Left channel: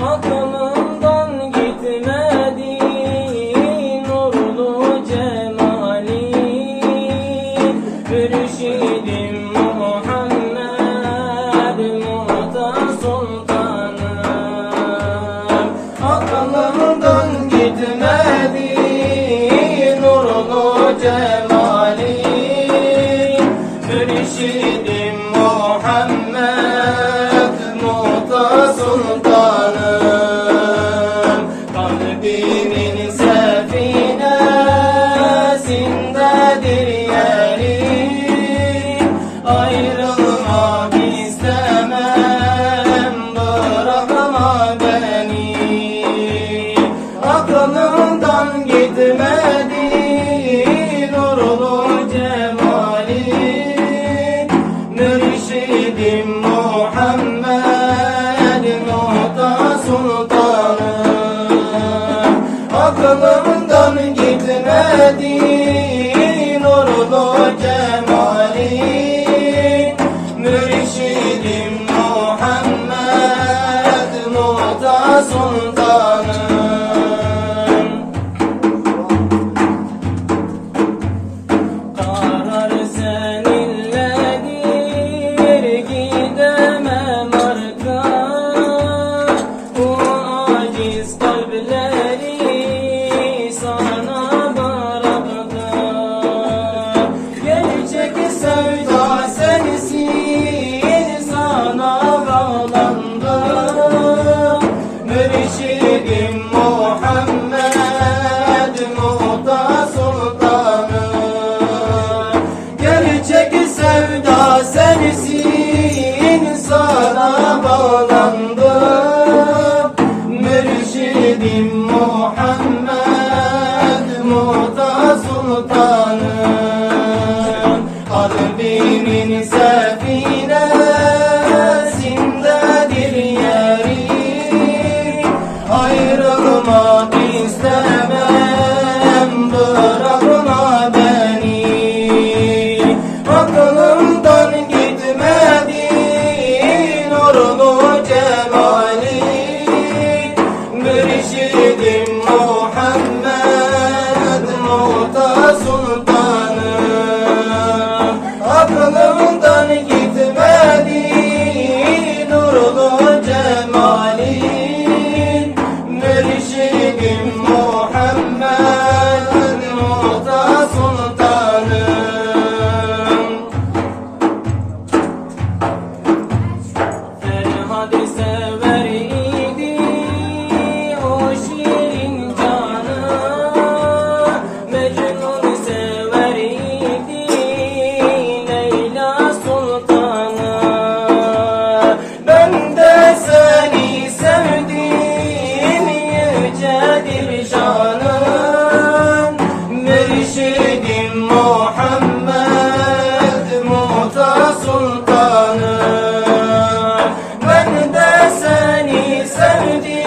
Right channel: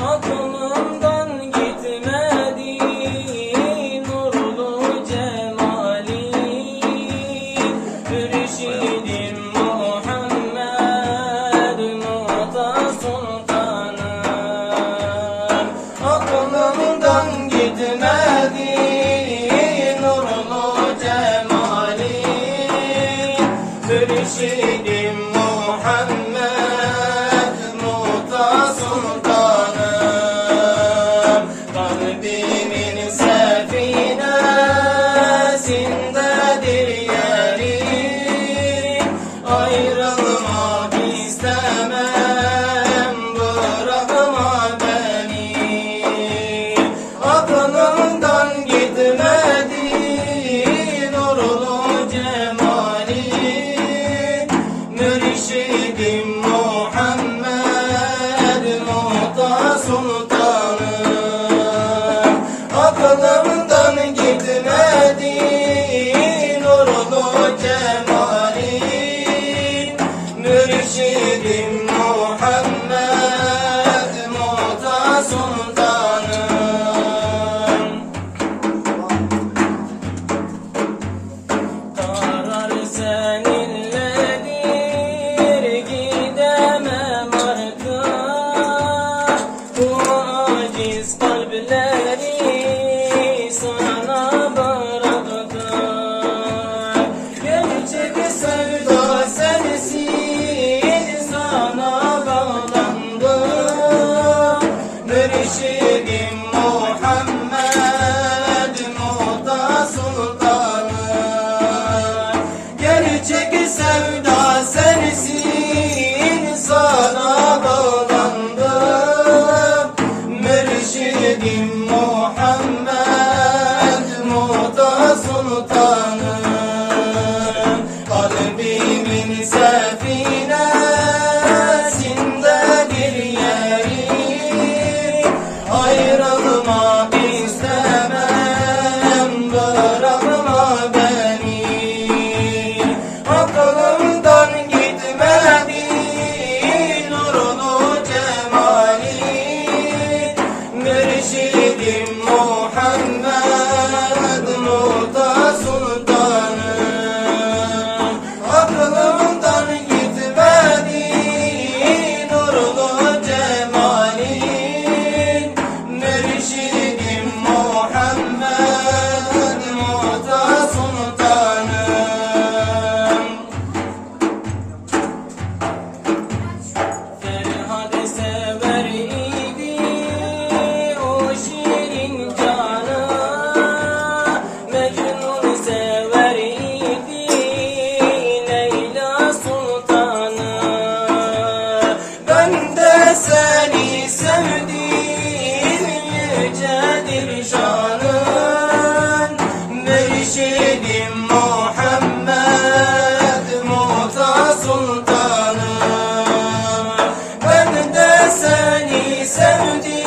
aklımdan gitmedi nurlu cemali. Mürşidim Muhammed Muhta Sultanım, aklımdan gitmedi nurlu cemali. Mürşidim Muhammed Muhta Sultanım, kalbimin sefinesindedir yeri. Ayrılmak istemem, bırakma beni. Aklımdan gitmedi nurlu cemali. Mürşidim Muhammed Muhta Sultanım, aklımdan gitmedi nurlu cemali. Mürşidim Muhammed Muhta Sultanım. Karar seninledir, gidemem arka. Bu aciz kalpleri sana bıraktım. Gerçek sevda sensin, sana bağlandım. Mürşidim Muhammed Muhta Sultanım, gerçek sevda sensin, sana bağlandım. Mürşidim Muhammed Muhta Sultanım, kalbimin sefinesindedir yeri. Ayrılmak istemem, bırakma beni. Aklımdan gitmedi nurlu cemali. Mürşidim Muhammed Muhta Sultanım, aklımdan gitmedi nurlu cemali. Mürşidim Muhammed Muhta Sultanım. Ferhat sever idi o şirin canı, Mecnun sever idi Leyla Sultanı. Ben de seni sevdim, yücedir şanın. Mürşidim Muhammed Muhta Sultanım, ben de seni sevdim,